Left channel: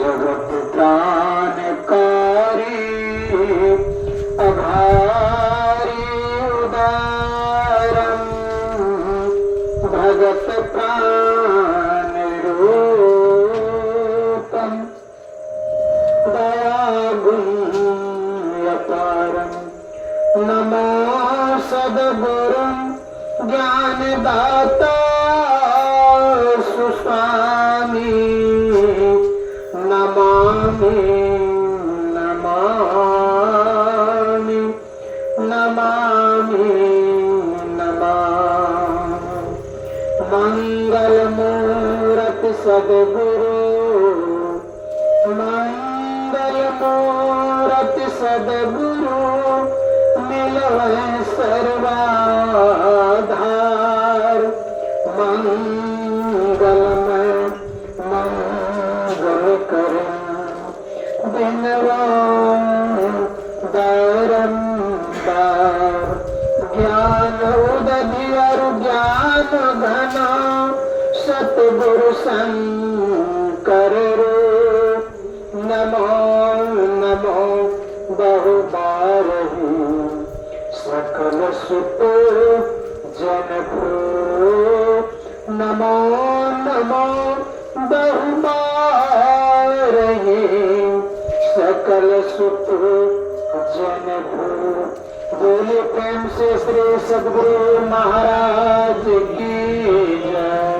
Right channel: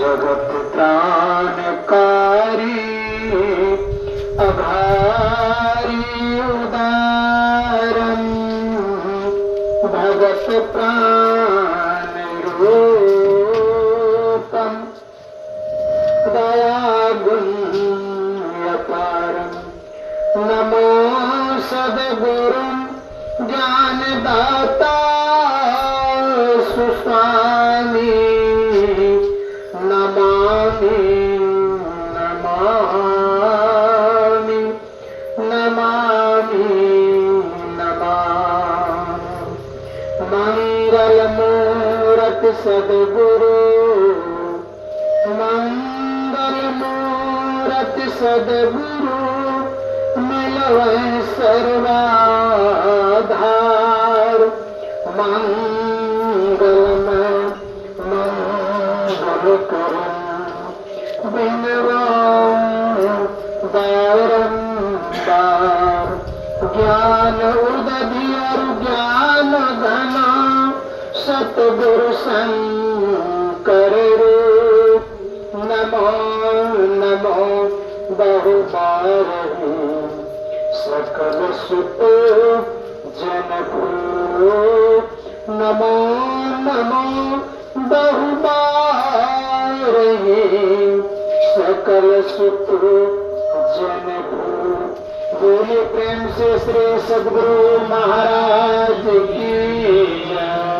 जगत प्राणकारी अभारी उदारम भगत प्राण रूपम दयागुण्यपारम नमो सद्गुरु ज्ञानदाता सुस्वामी नमामि नमामि नमामि नमामि मंगलमूर्ति सद्गुरु मंगलमूर्ति सद्गुरु मिलवै सर्वाधार मंगलमय मंगल करो बारंबार ज्ञान उदधियर ज्ञान घन सतगुरु शंकर नमो नमो बहुबार सकल सुत जन नमो नमो बहुबार सकल सुत जन बोले प्रेम से श्री सद्गुरु महाराज की जय।